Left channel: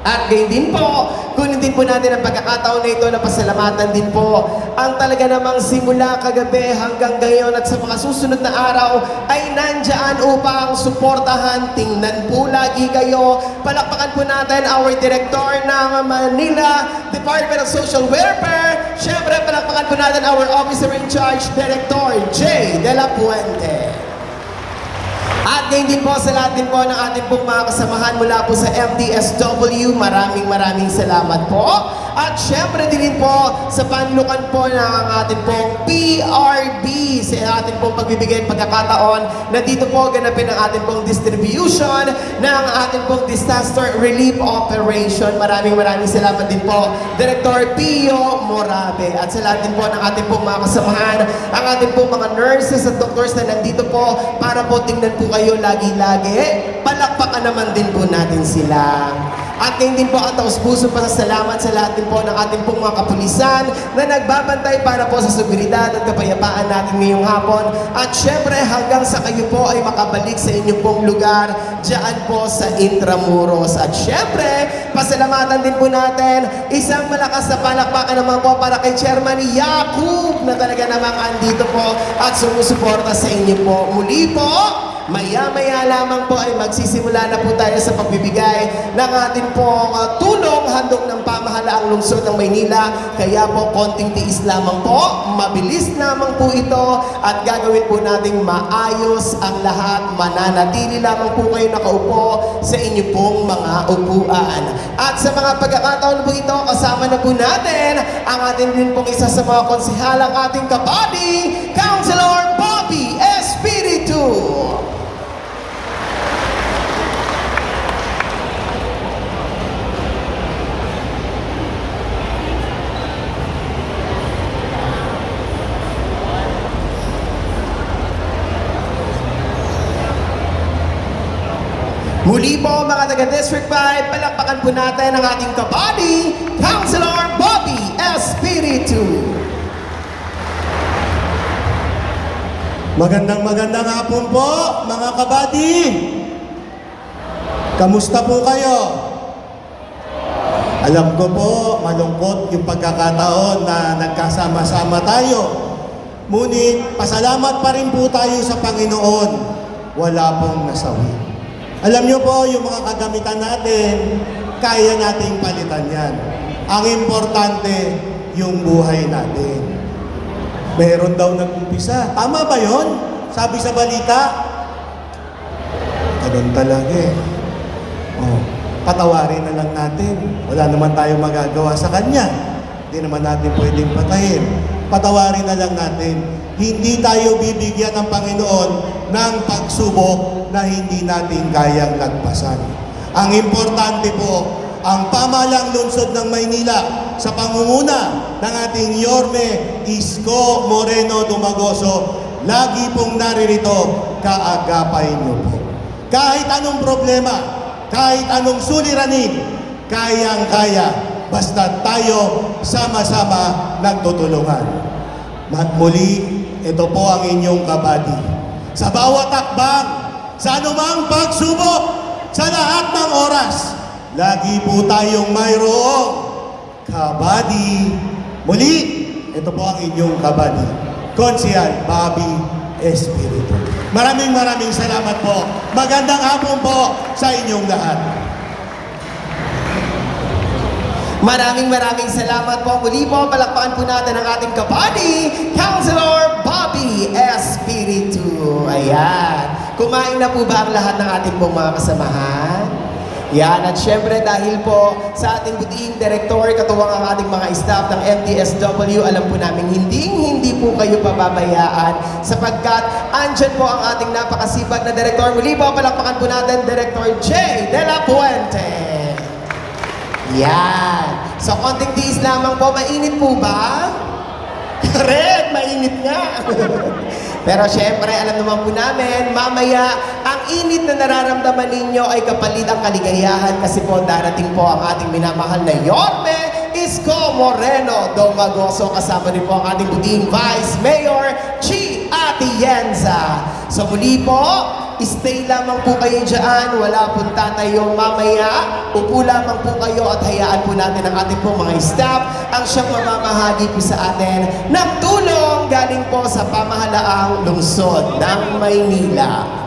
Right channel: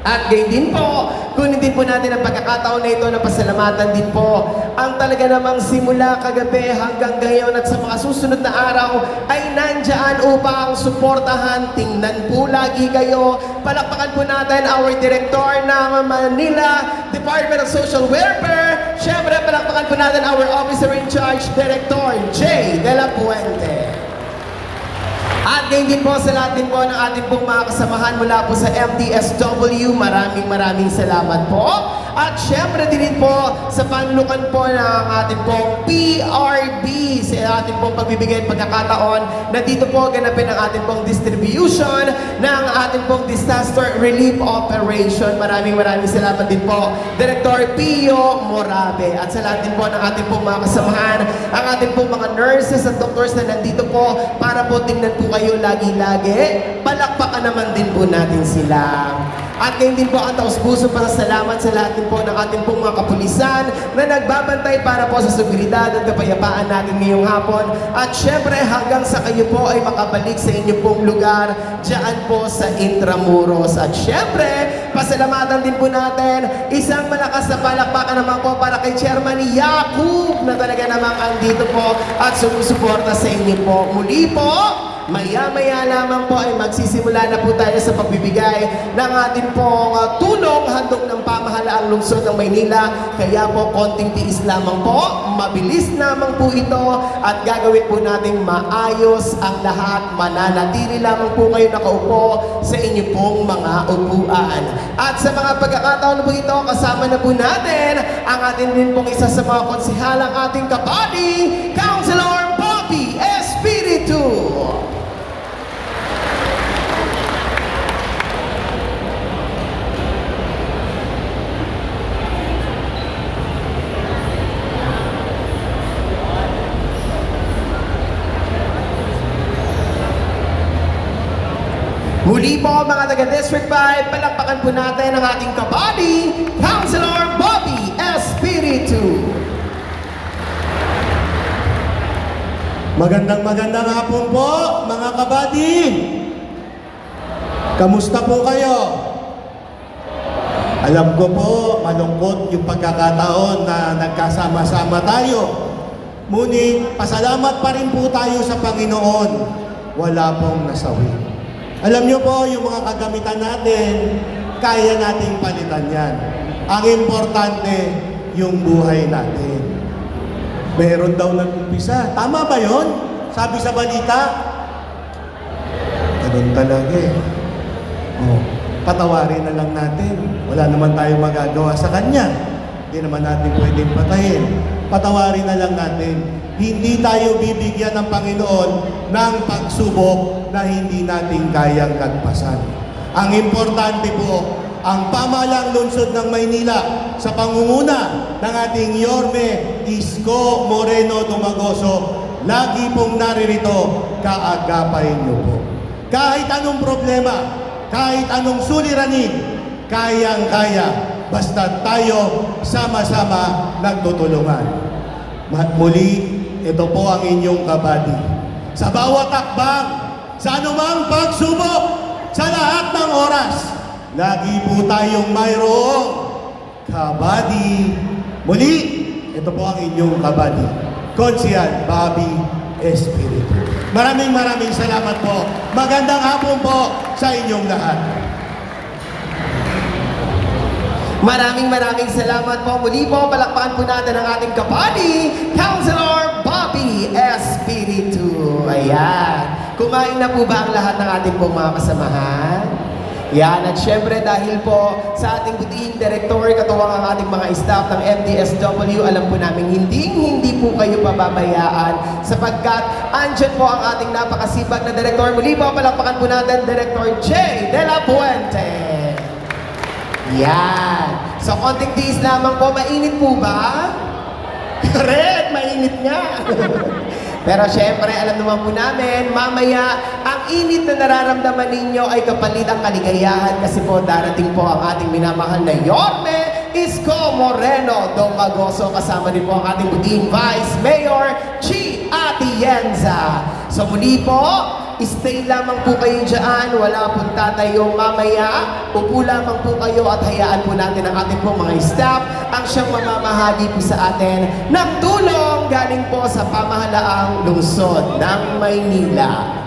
At gayon din po, kunin din po natin ang pagkakataon na ito na pasalamatan din po ang talaga namang simula kagabi hanggang ngayon at sa mga susunod na araw ay nandyan upang suportahan. Tingnan po lagi kayo. Palakpakan po natin our Director ng Manila Department of Social Welfare. Siyempre, palakpakan po natin our Officer in Charge, Director J. De La Puente. At ngayon din po sa lahat din po ng ating pong mga kasamahan mula po sa MTSW, maraming salamat po. At syempre din po sa panlukan po ng ating pong PRB sa ating pong pagbibigay at pagkakataon na dito po ganapin ang ating pong distribution ng ating pong disaster relief operation. Maraming salamat din po Director Pio Morabe at sa lahat din po ng ating pong mga kasamahan, ang ating pong mga nurses at doctors na nandito po para po tingnan po kayo lagi-lagi. Palakpakan naman din po natin sila. At ngayon din po ang taus-puso pasasalamat sa lahat din po ng ating pong mga kapulisan na nagbabantay para po sa seguridad at kapayapaan natin ngayong hapon. At syempre hanggang sa kayo po ay makabalik sa inyong pong lugar dyan po sa Intramuros. At syempre, pasalamatan din po natin isang malakas na palakpakan naman po para kay Chairman Yakub na talaga namang andito po at sumusuporta sa inyo po. Muli po, maya-maya lamang po ay magsisimula na po tayo sa pagbibigay ng ating pong tulong handog ng pamahalaang lungsod ng Maynila. Kaya po konting tiis lamang po, mabilis lamang po ito at gagawin po nating maayos ang lahat. Mananatili lamang po kayo nakaupo sa inyong pong mga upuan. At sa mga pagkakataon po ito, kasama na po natin ang ating din pong isa sa mga konsihalang ating kapati, Councilor Bobby Espiritu. Muli po mga taga-District 5, palakpakan po natin ang ating kapati, Councilor Bobby Espiritu. Magandang hapon po, mga kabady. Kamusta po kayo? Alam ko po, malungkot yung pagkakataon na nagkasama-sama tayo. Ngunit, pasalamat pa rin po tayo sa Panginoon. Wala pong nasawi. Alam niyo po, yung mga kagamitan natin, kaya nating palitan yan. Ang importante, yung buhay natin. Meron daw nag-umpisa. Tama ba yun? Sabi sa balita. Ganun talaga eh. Oh, patawarin na lang natin. Wala naman tayong magagawa sa Kanya. Hindi naman natin pwedeng patayin. Patawarin na lang natin. Hindi tayo bibigyan ng Panginoon ng pagsubok na hindi natin kayang lagpasan. Ang importante po, ang pamahalang lungsod ng Maynila sa pangunguna ng ating Yorme Isko Moreno Dumagoso, lagi pong naririto, kaagapay niyo po. Kahit anong problema, kahit anong suliranin, kayang-kaya, basta tayo sama-sama nagtutulungan. At muli, ito po ang inyong kabady. Sa bawat akbang, sa anumang pagsubok, sa lahat ng oras, lagi po tayong mayroong kabady. Muli, ito po ang inyong kabady, Konsehal Bobby Espiritu. Maraming salamat po. Magandang hapon po sa inyong lahat. Maraming salamat po. Muli po, palakpakan po natin ang ating kapati, Councilor Bobby Espiritu. Ayan. Kumain na po ba ang lahat ng ating pong mga kasamahan? Yan. At syempre dahil po sa ating butiing director, katuwang ang ating mga staff ng MTSW, alam po namin hindi po kayo pababayaan sapagkat andyan po ang ating napakasipag na director. Muli po, palakpakan po natin Director J. De La Puente. Yan. Sa konting tiis lamang po, mainit po ba? Correct, mainit nga. Pero syempre, alam naman po namin, mamaya, ang init na nararamdaman ninyo ay kapalit ang kaligayahan kasi po darating po ang ating minamahal na Yorme Isko Moreno Dumagoso. Kasama din po ang ating buting Vice Mayor Chi Atienza. So muli po, stay lamang po kayo dyan, wala pong tatayong mamaya, upo lamang po kayo po at hayaan po natin ang ating po mga staff ang siyang mamamahagi po sa atin ng tulong galing po sa pamahalaang lungsod ng Maynila.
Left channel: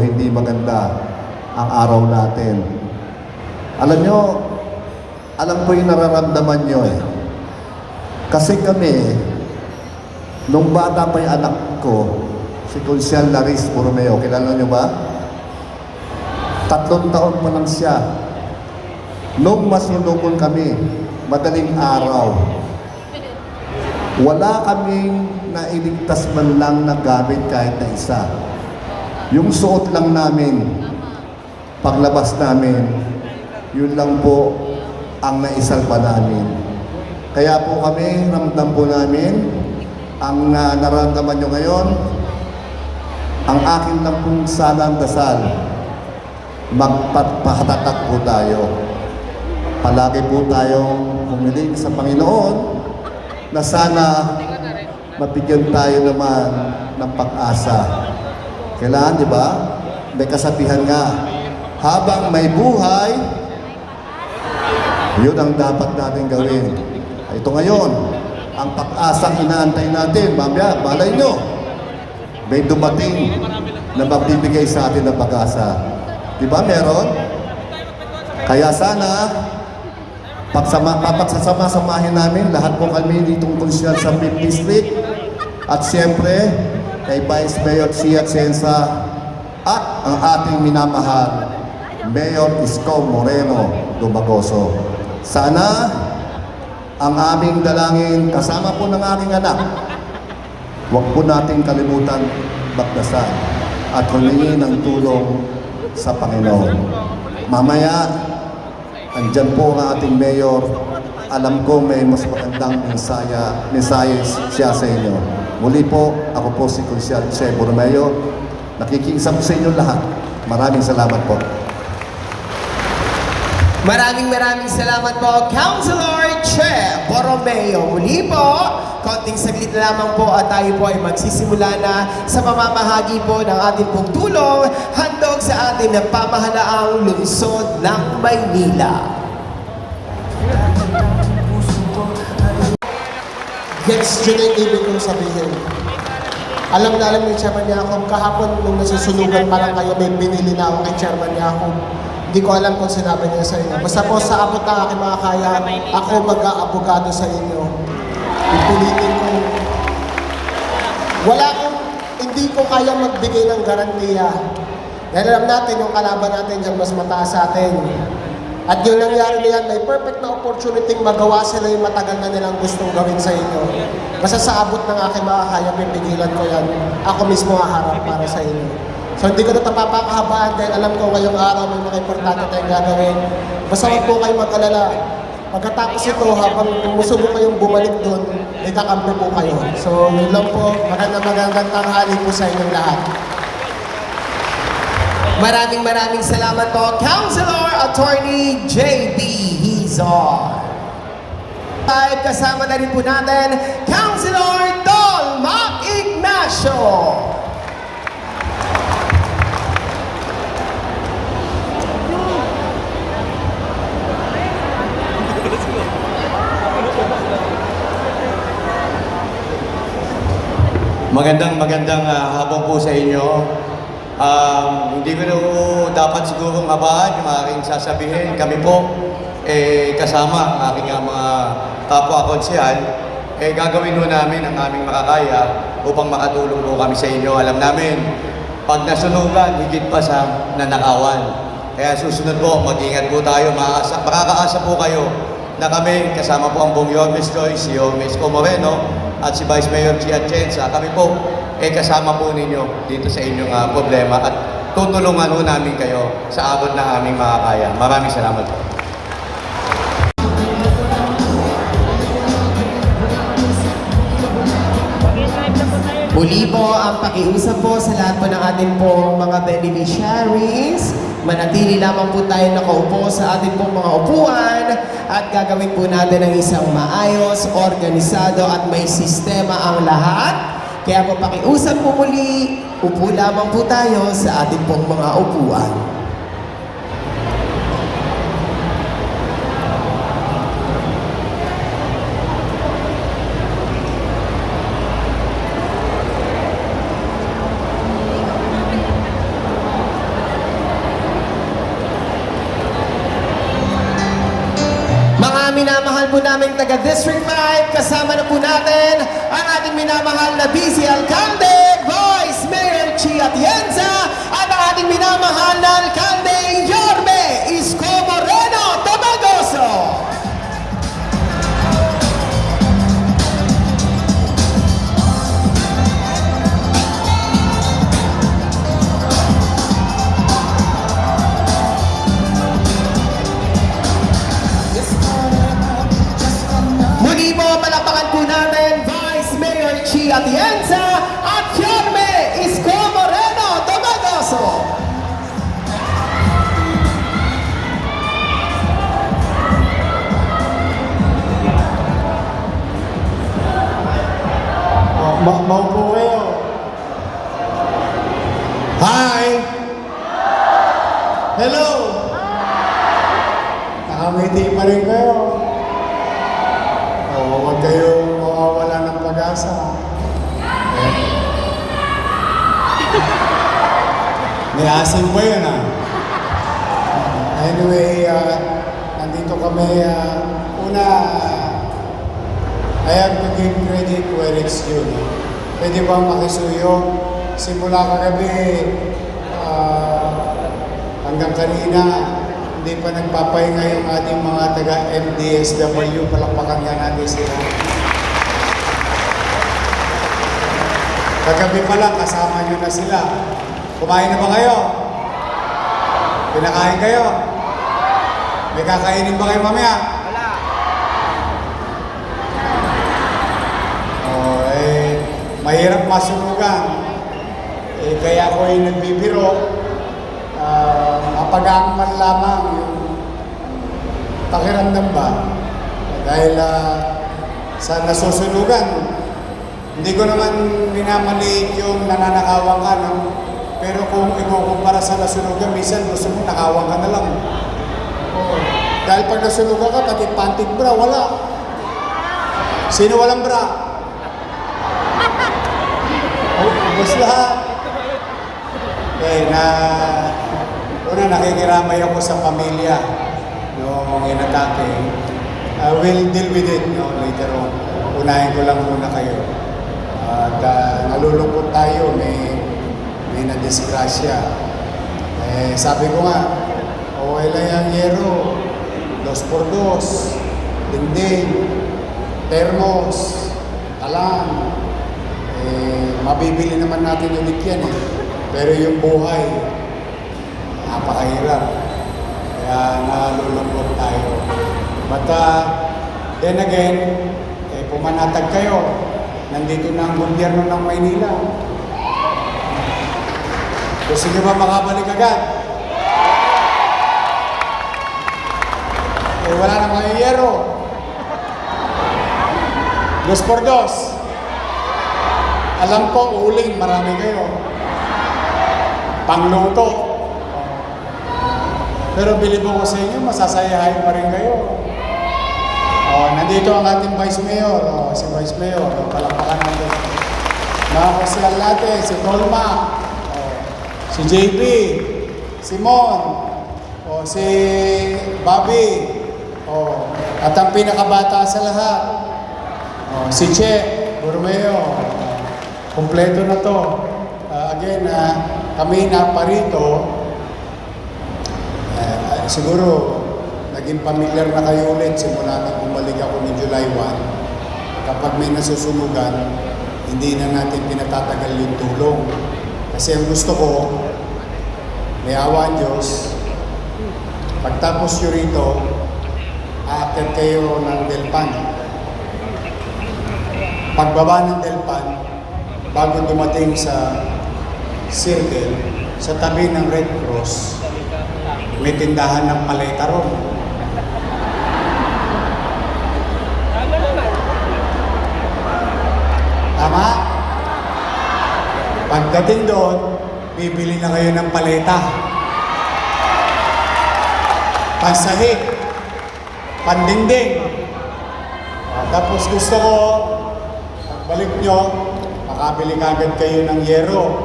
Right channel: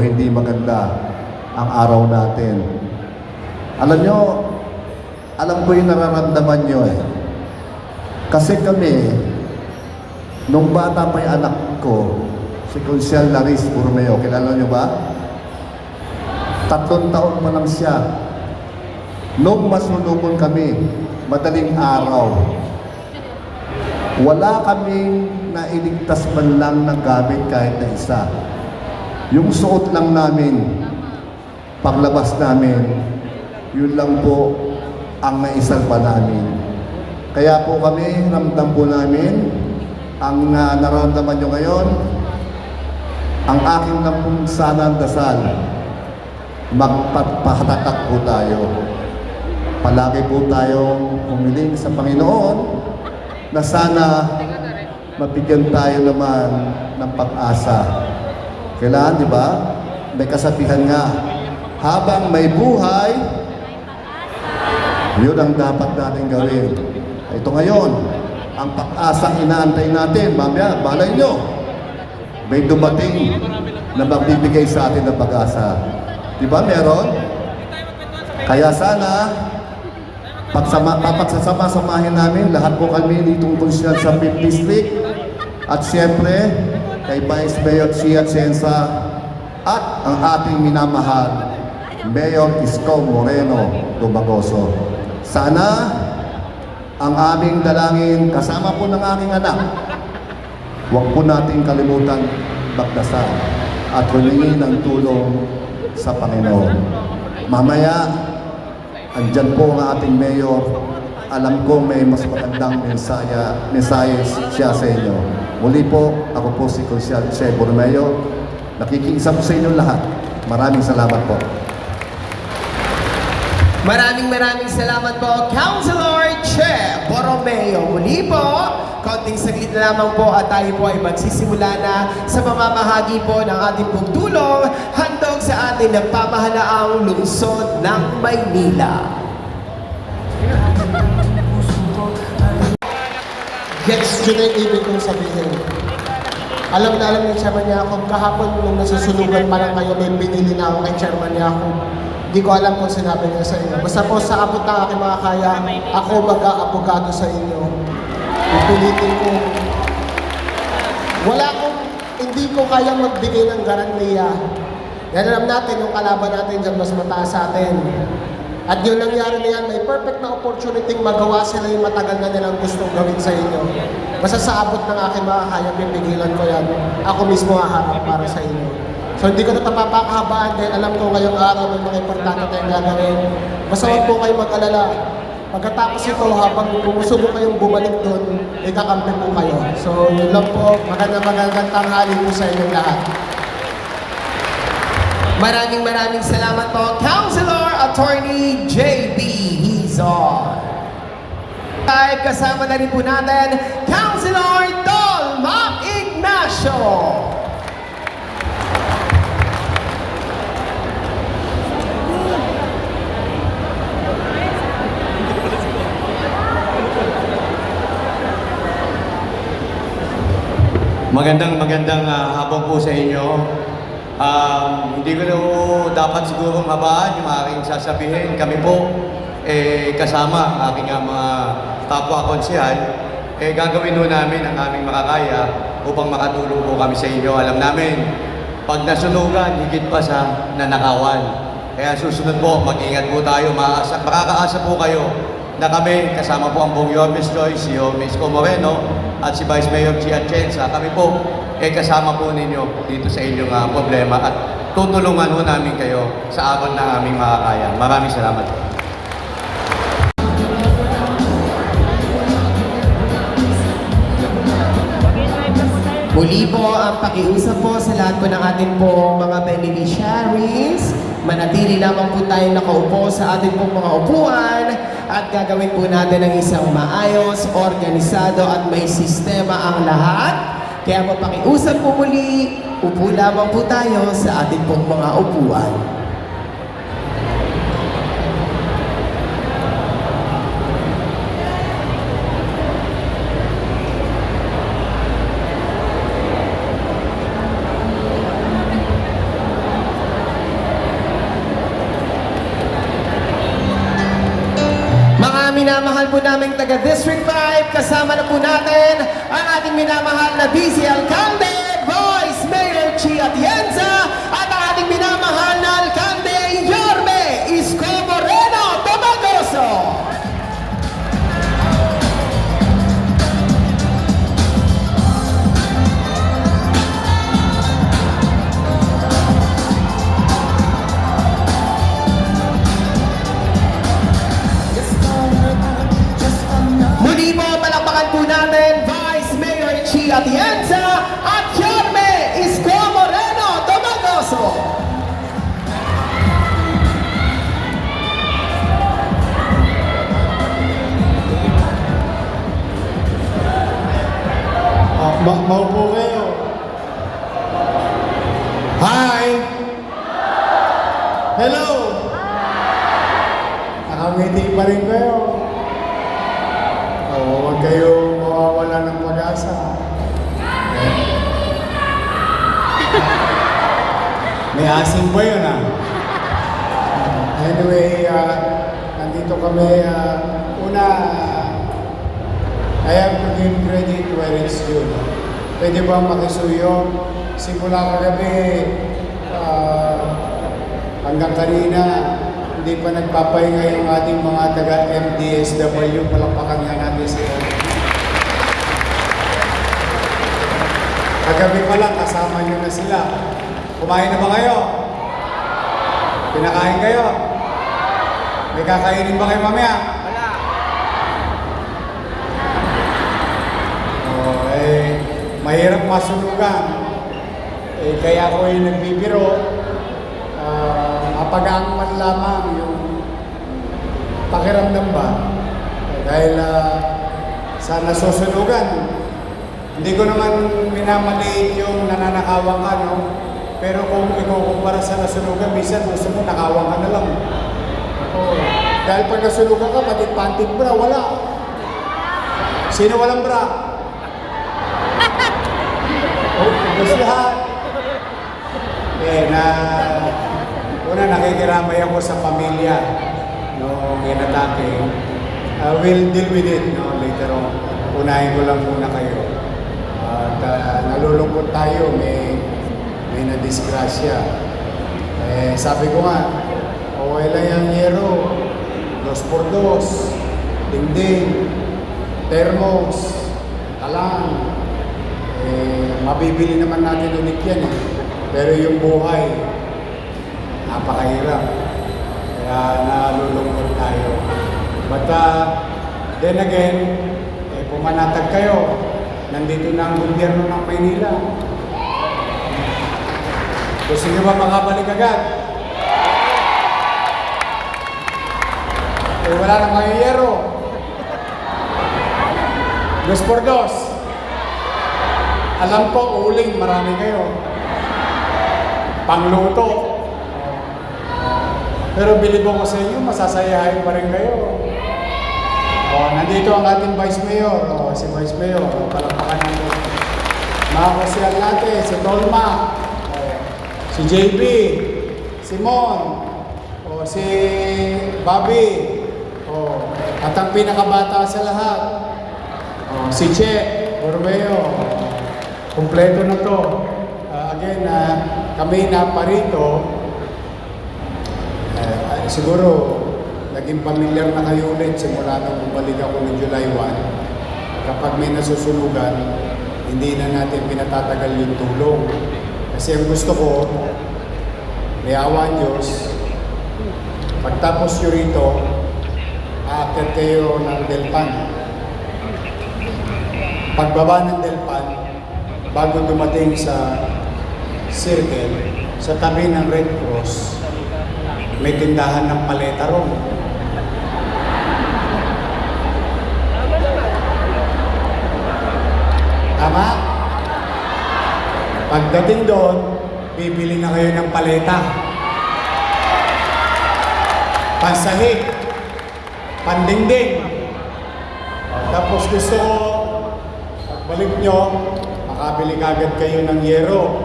Hindi maganda ang araw natin. Alam nyo, alam ko yung nararamdaman nyo eh. Kasi kami, nung bata pa yung anak ko, si Consiel Laris Borromeo, kilala nyo ba? 3 taon pa lang siya. Nung masulungon kami, madaling araw, wala kaming nailigtas man lang na gamit kahit na isa. Yung suot lang namin, paglabas namin, yun lang po ang naisalba namin. Kaya po kami, ramdam po namin, ang nararamdaman nyo ngayon, ang aking lang pong sanang dasal, magpapahatatak po tayo. Palagi po tayong humiling sa Panginoon na sana mabigyan tayo naman ng pag-asa. Kailangan, di ba? May kasabihan nga, habang may buhay, yun ang dapat natin gawin. Ito ngayon, ang pag-asang inaantay natin, mamaya, malay nyo, may dumating na magbibigay sa atin ng pag-asa. Di ba meron? Kaya sana, pagsasama-samahin namin, lahat po kami ditong konsyal sa 5th District, at siyempre, kay Vice Mayor Chia Censa at ang ating minamahal, Mayor Isko Moreno Dumagoso. Sana ang aming dalangin, kasama po ng aking anak, huwag po nating kalimutan magdasal at humingi ng tulong sa Panginoon. Mamaya, andyan po ang ating Mayor. Alam ko may mas magandang mensahe siya sa inyo. Muli po, ako po si Consiel Che Borromeo. Nakikiisa po sa inyo lahat. Maraming salamat po. Maraming salamat po, Councilor Che Borromeo. Muli po, konting saglit na lamang po at tayo po ay magsisimula na sa mamamahagi po ng ating pong tulong handog sa ating napamahalaang lungsod ng Maynila. Gets yun ang ibig kong sabihin. Alam na alam ni Chairman Yacob, kahapon nung nasusunugan pa lang kayo, may binili na ako kay Chairman Yacob. Hindi ko alam kung sinabi niya sa inyo. Basta po sa abot ng aking mga kaya, ako mag-aabogado sa inyo. Ipilitin ko. Hindi ko kaya magbigay ng garantiya. Yan alam natin, yung kalaban natin dyan mas mataas sa atin. At yung nangyari na yan, may perfect na opportunity magawa sila yung matagal na nilang gustong gawin sa inyo. Basta sa abot ng aking makakaya, pipigilan ko yan. Ako mismo haharap para sa inyo. So hindi ko na ito papakahabaan dahil alam ko ngayong araw may mga importante tayong gagawin. Basta huwag po kayong mag-alala. Pagkatapos ito, habang gusto mo kayong bumalik doon, may kakampi po kayo. So yun lang po, magandang tanghali po sa inyong lahat. Maraming salamat po, Councilor Attorney J.B. Hizon. At kasama na rin po natin, Councilor Dolma Ignacio. Magandang hapon po sa inyo. Hindi ko dapat siguro mabaan yung aking sasabihin. Kami po, kasama ang aking mga kapwa-konsehal, gagawin po namin ang aming makakaya upang makatulong po kami sa inyo. Alam namin, pag nasunugan, higit pa sa nanakawan. Kaya susunod po, mag-ingat po tayo. Makakaasa po kayo na kami, kasama po ang buong Yormes Joyce, si Yormes Co. Moreno, at si Vice Mayor Chia Atienza. Kami po, kasama po ninyo dito sa inyong problema at tutulungan po namin kayo sa abot ng aming makakaya. Maraming salamat po. Muli po ang pakiusap po sa lahat po ng ating po mga beneficiaries. Manatili lamang po tayo nakaupo sa ating pong mga upuan at gagawin po natin ang isang maayos, organisado at may sistema ang lahat. Kaya po pakiusap po muli, upo lamang po tayo sa ating pong mga upuan. Minamahal po namin taga District 5, kasama na po natin ang ating minamahal na Vice Alcalde, Vice Mayor Chia Atienza, at ang ating minamahal na Alcalde, Yorme Isko Moreno Tomagoso. Muli po, palakpakan po natin Vice Mayor Chia Atienza at Yorme Isko Moreno Tomagoso. Maupo kayo. Hi! Hello! Nakangiti pa rin kayo. Huwag kayo mawawala ng pag-asa. May asin ba yun Anyway, nandito kami. Una, I have to give credit where it's due. Pwede bang makisuyo? Simula kagabi hanggang kanina, hindi pa nagpapahinga yung ating mga taga-MDSW. Palakpakan nga natin sila. Kagabi pa lang, kasama nyo na sila. Kumain na ba kayo? Pinakain kayo? May kakainin ba kayo mamaya? Mahirap masunugan. Kaya ako ay nagbibiro. Mapagaan man lamang yung pakiramdam ba? Dahil sa nasusunugan, hindi ko naman minamaliit yung nananakawan ka, no? Pero kung ikukumpara sa nasunugan, minsan gusto mo nakawan ka na lang. Dahil pag nasunugan ka, pati panting bra, wala. Sino walang bra? Ubus lahat. Una nakikiramay ako sa pamilya nung inatake. I will deal with it later on. Unahin ko lang muna kayo. At nalulungkot tayo, may nadisgrasya. Sabi ko nga, okay lang yung yero, 2x2, dingding, termos, alam. Mabibili naman natin ulit yan Pero yung buhay, napakahirap. Kaya nalulungkot tayo. But then again, pumanatag kayo. Nandito na ang gobyerno ng Maynila. Gusto nyo ba makabalik agad? Wala na mayayero. Dos por dos. Alam ko, uling, marami kayo. Pangluto. Pero bilib ko sa inyo, masasayahin pa rin kayo. Nandito ang ating Vice Mayor. Si Vice Mayor, palakpakan natin. Mga kasyal natin, si Tolma, si JP, si Mon, si Bobby, at ang pinakabata sa lahat, si Che, Borromeo. Kompleto na to. Again, kami na parito, siguro naging familiar na kayo ulit simula natin bumalik ako ng July 1. Kapag may nasusunugan, hindi na natin pinatatagal yung tulong. Kasi ang gusto ko, may awa Diyos, pagtapos nyo rito, aakyat kayo ng Delpan. Pagbaba ng Delpan, bago dumating sa circle, sa tabi ng Red Cross, may tindahan ng paleta ron. Tama? Pagdating doon, bibili na kayo ng paleta. Pansahig, pandingding. Tapos gusto ko, balik nyo, makabili kagad kayo ng yero.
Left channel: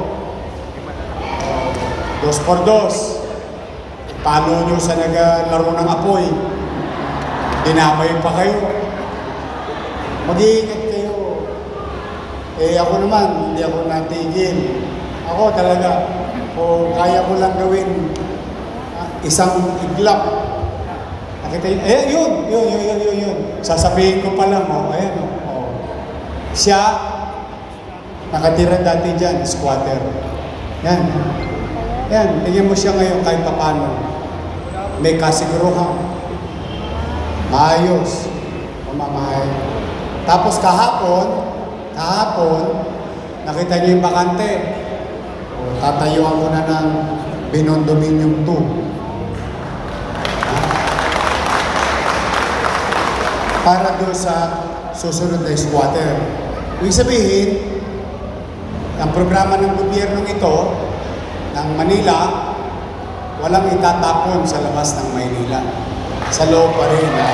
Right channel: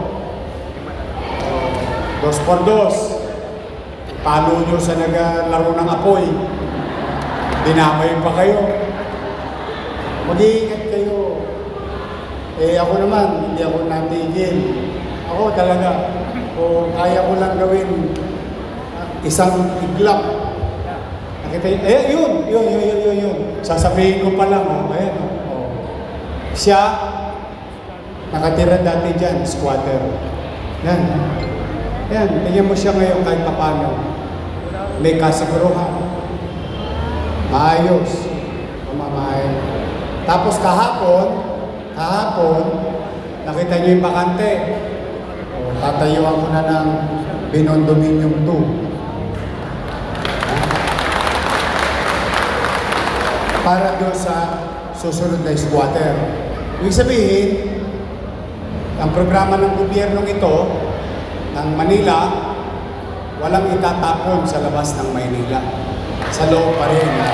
Dos por dos. Palo nyo sa naglaro ng apoy. Dinamay pa kayo. Mag-iingat kayo. Ako naman, hindi ako natigil. Ako talaga, kung kaya ko lang gawin isang iglap. Nakita yun. Sasabihin ko pa lang, ayan. Siya, nakatira dati dyan, squatter. Yan, tingnan mo siya ngayon kahit paano. May kasiguruhan. Maayos. Mamamay. Tapos kahapon, nakita niyo yung bakante. Tatayuan ko na ng Binondominium 2. Para doon sa susunod na squatter. Ibig sabihin, ang programa ng gobyernong ito, ng Manila, walang itatapon sa labas ng Maynila. Sa loob pa rin na.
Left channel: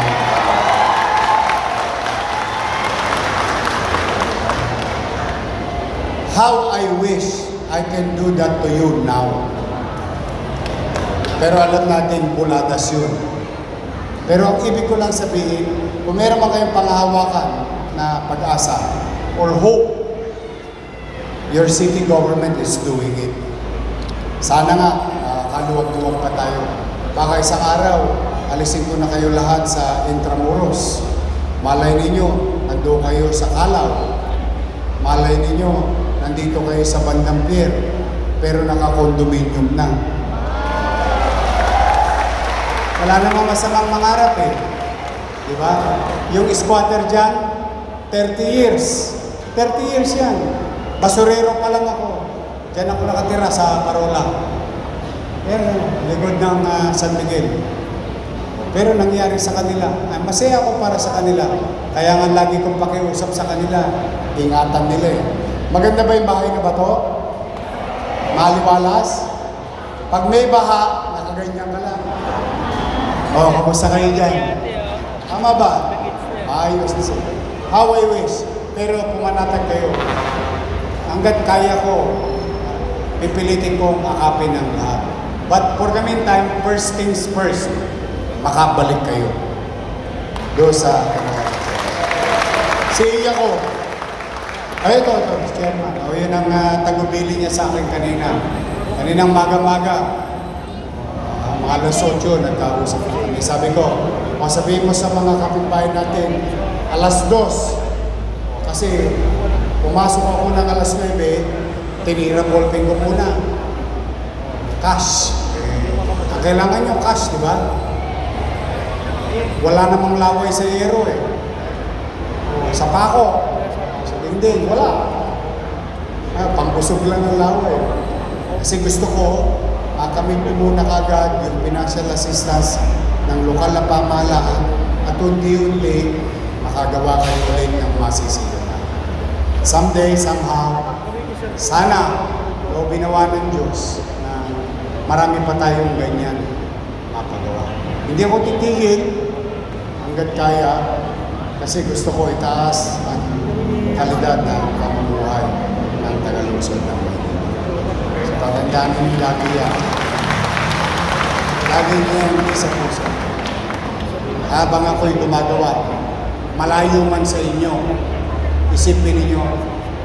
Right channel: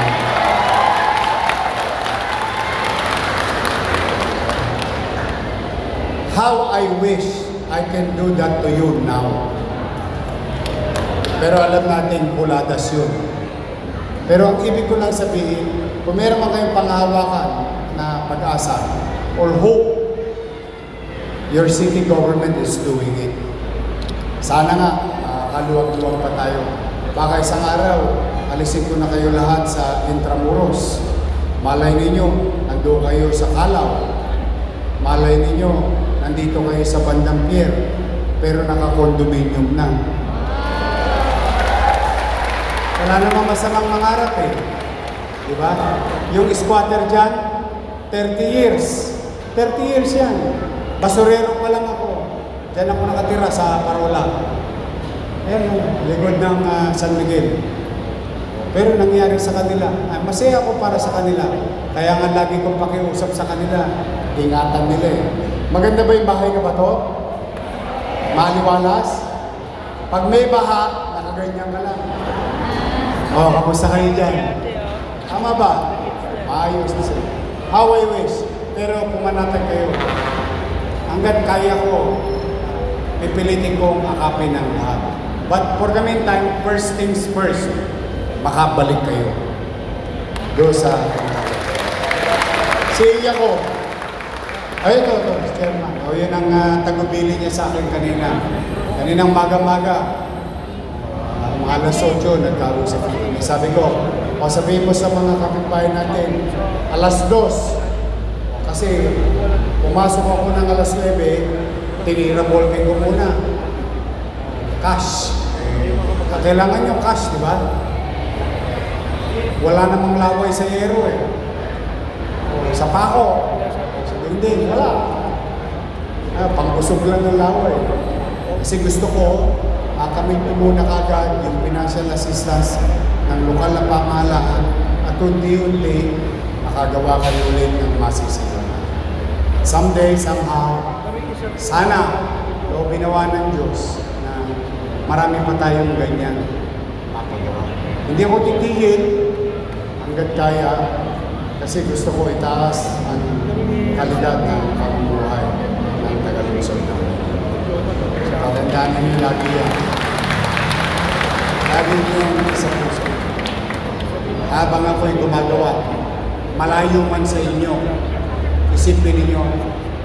How I wish I can do that to you now. Pero alam natin, buladas yun. Pero ang ibig ko lang sabihin, kung meron man kayong panghahawakan na pag-asa or hope, your city government is doing it. Sana nga, kaluwag-luwag pa tayo. Baka isang araw, alisin ko na kayo lahat sa Intramuros. Malay ninyo, nandun kayo sa Calao. Malay ninyo, nandito kayo sa Bandang Pier. Pero naka-condominium na. Wala namang masamang mangarap eh. Diba? Yung squatter dyan, 30 years. 30 years yan. Basurero pa lang ako. Diyan ako nakatira sa Parola. Yan, ligod ng San Miguel. Pero nangyari sa kanila. Masaya ako para sa kanila. Kaya nga lagi kong pakiusap sa kanila. Ingatan nila eh. Maganda ba yung bahay na bato? Maliwalas? Pag may baha, nakaganyan ka lang. Kamusta kayo dyan? Tama ba? Ayos. How I wish. Pero pumanatag kayo. Hanggat kaya ko, pipilitin ko makapin ng lahat. But for the meantime, first things first, makabalik kayo. Doon sa... Si Iya ko. Ay, ito, Chairman. Yun ang tagubili niya sa akin kanina. Kaninang maga-maga. Alas 8, nagkausap ko. Sabi ko, sabihin mo sa mga kapitbahay natin, alas 2. Kasi pumasok ako ng alas 9, tinira ballpen ko muna. kailangan yung cash, di ba? Wala namang laway sa ero eh. Sa pako. Sabi, hindi, wala. Pangkusog lang ng laway. Kasi gusto ko, makamit ko muna kagad yung financial assistance ng lokal na pamahalaan at unti-unti makagawa kayo ulit ng masisigura. Someday, somehow, sana o binawa ng Diyos na marami pa tayong ganyan mapagawa. Hindi ako titigil hanggat kaya kasi gusto ko itaas ang kalidad ng pamumuhay ng Tagalugsod ng Manila. So, patandaan ninyo lagi yan. Lagi nyo yung sa puso. Habang ako'y gumagawa, malayo man sa inyo, isipin ninyo,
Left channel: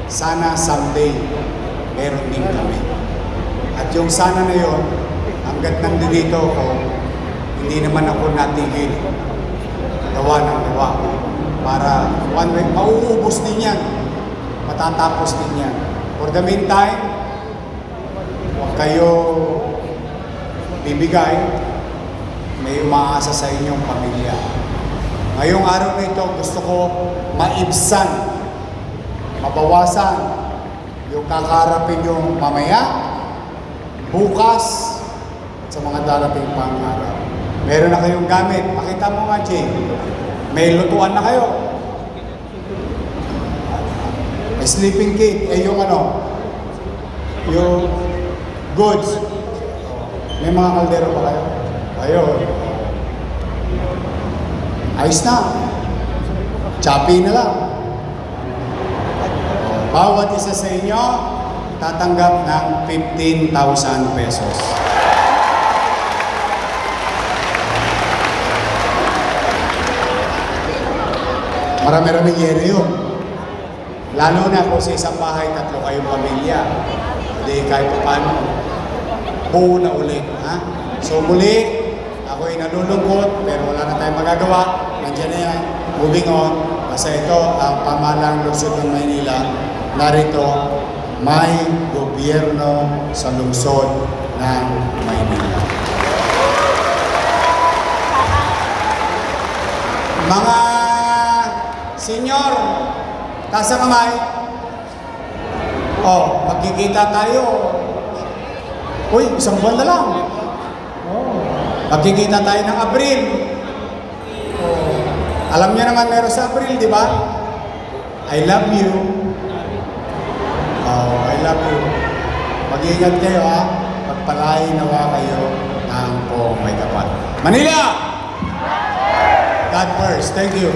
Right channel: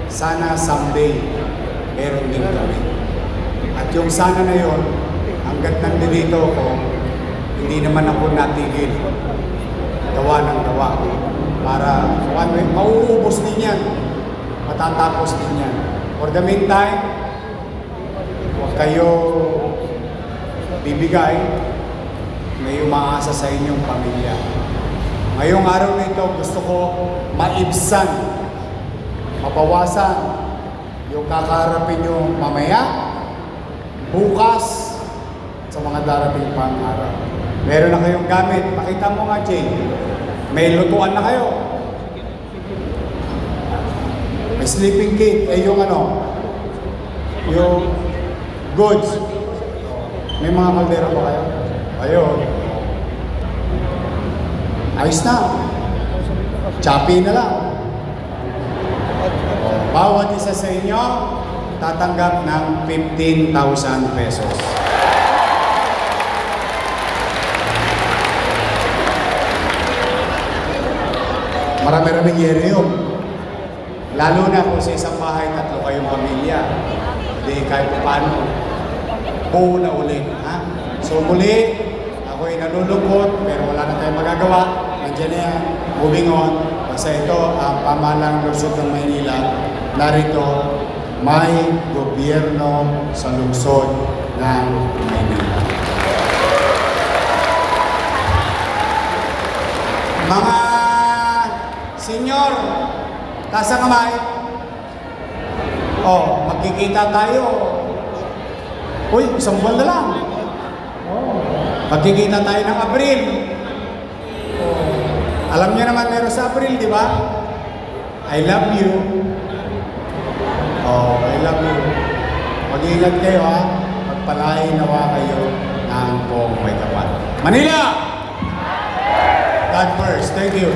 sana someday, meron din kami. At yung sana na yun, hanggat nandito ako, hindi naman ako natigil. Gawa ng gawa. Para mauubos din yan. Matatapos din yan. For the meantime, kayo bibigay, may umaasa sa inyong pamilya. Ngayong araw na ito, gusto ko maibsan, mabawasan yung kakaharapin yung mamaya, bukas, sa mga darating pang araw. Meron na kayong gamit. Makita mo nga, Jay. May lutuan na kayo. May sleeping kit. Yung yung goods. May mga kaldero ba kayo? Kayo. Ayos na. Choppy na lang. Bawat isa sa inyo, tatanggap ng 15,000 pesos. Marami-raming yero yun. Lalo na kung sa isang bahay, 3 kayong pamilya. Hindi kahit paano. Buo na ulit. Ha? So muli, ako'y nalulungkot, pero wala na tayong magagawa. Nandiyan na yan. Moving on. Kasi ito, ang pamahalang lungsod ng Maynila, narito, may gobyerno sa lungsod ng Maynila. Mga senyor, taas ang kamay. Magkikita tayo. Uy, isang buwan na lang. Magkikita tayo ng Abril. Alam niyo naman meron sa Abril, di ba? I love you. I love you. Mag-iingat kayo, ha? Pagpalain nawa kayo ng buong may kapal. Manila! God first. Thank you.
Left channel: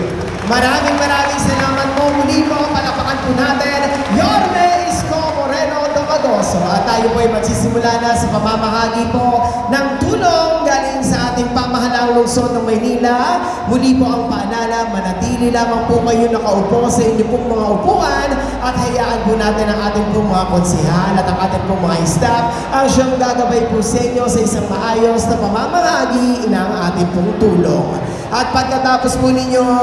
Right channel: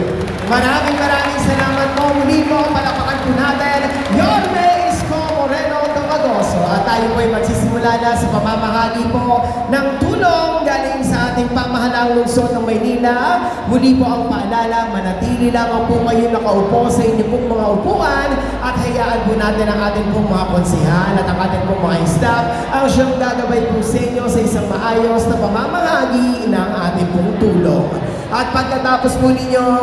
Maraming salamat po. Muli po, palapakan po natin, Yorme Isko Moreno Domagoso. At tayo po ay magsisimula na sa pamamahagi po ng tulong galing sa ating pamahalang lungsod ng Maynila. Muli po ang paalala, manatili lamang po kayo nakaupo sa inyong pong mga upuan at hayaan po natin ang ating pong mga konsihal at ang ating pong mga staff ang siyang gagabay po sa inyo sa isang maayos na pamamahagi ng ating pong tulong. At pagkatapos po ninyong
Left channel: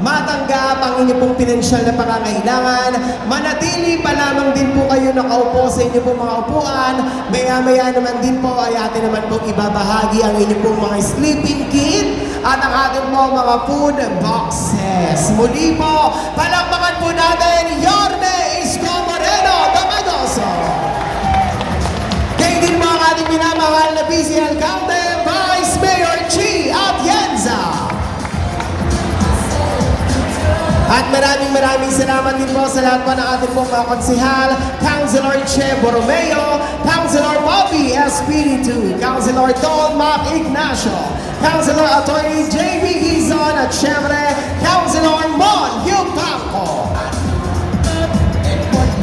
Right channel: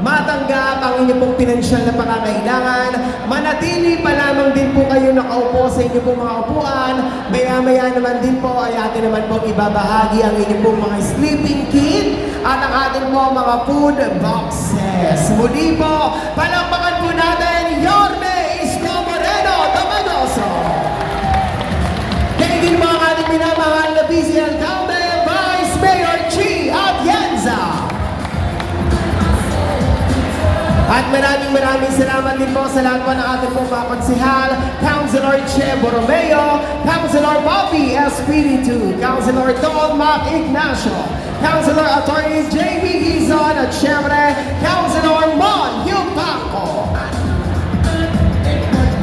matanggap ang inyong pong pinansyal na pangangailangan, manatili pa lamang din po kayo nakaupo sa inyong pong mga upuan. Maya-maya naman din po ay atin naman pong ibabahagi ang inyong pong mga sleeping kit at ang ating pong mga food boxes. Muli po, palakpakan po natin, Yorme Isko Moreno Domagoso. Kayo din mga ating minamahal na busy alcalde, Vice Mayor Chi Atienza. At maraming salamat din po sa lahat po ng ating pong mga konsihal, Councilor Che Borromeo, Councilor Bobby Espiritu, Councilor Don Mac Ignacio, Councilor Attorney J.B. Hizon at syempre, Councilor Mon Yupaco.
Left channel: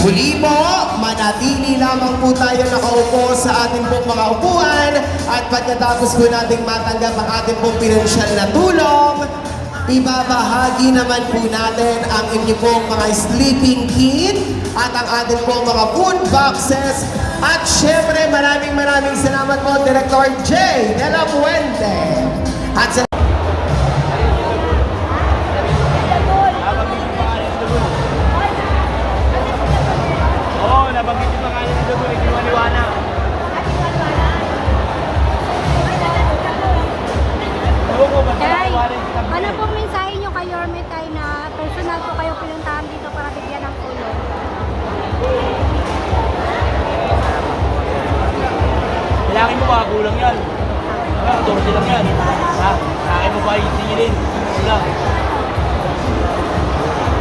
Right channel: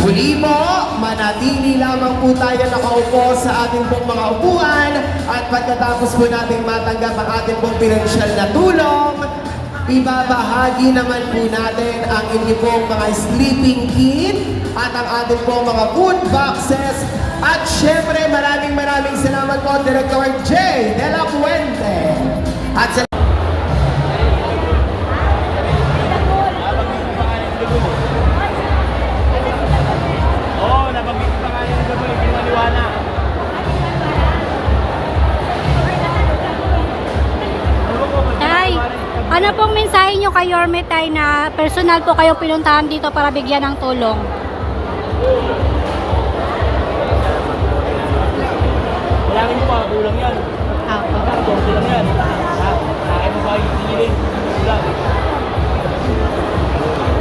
Muli po, manatili lamang po tayo nakaupo sa ating pong mga upuan at pagkatapos po natin matanggap ang ating pong pinansyal na tulong, ibabahagi naman po natin ang inyong pong mga sleeping kit at ang ating pong mga food boxes. At syempre, maraming salamat po, Director J. De La Puente. At sa nabanggit pa nga yung dugo, yung maliwanag. kami tayo na personal po kayong pinuntahan dito para bigyan ng tulong. Kailangan mo ba? Kulang yan. Ito silang yan. Kaya mo ba itigilin? Sila.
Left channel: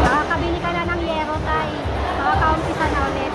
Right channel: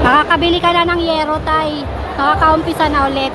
Makakabili ka na ng yero tay. Makakaumpisa na ulit.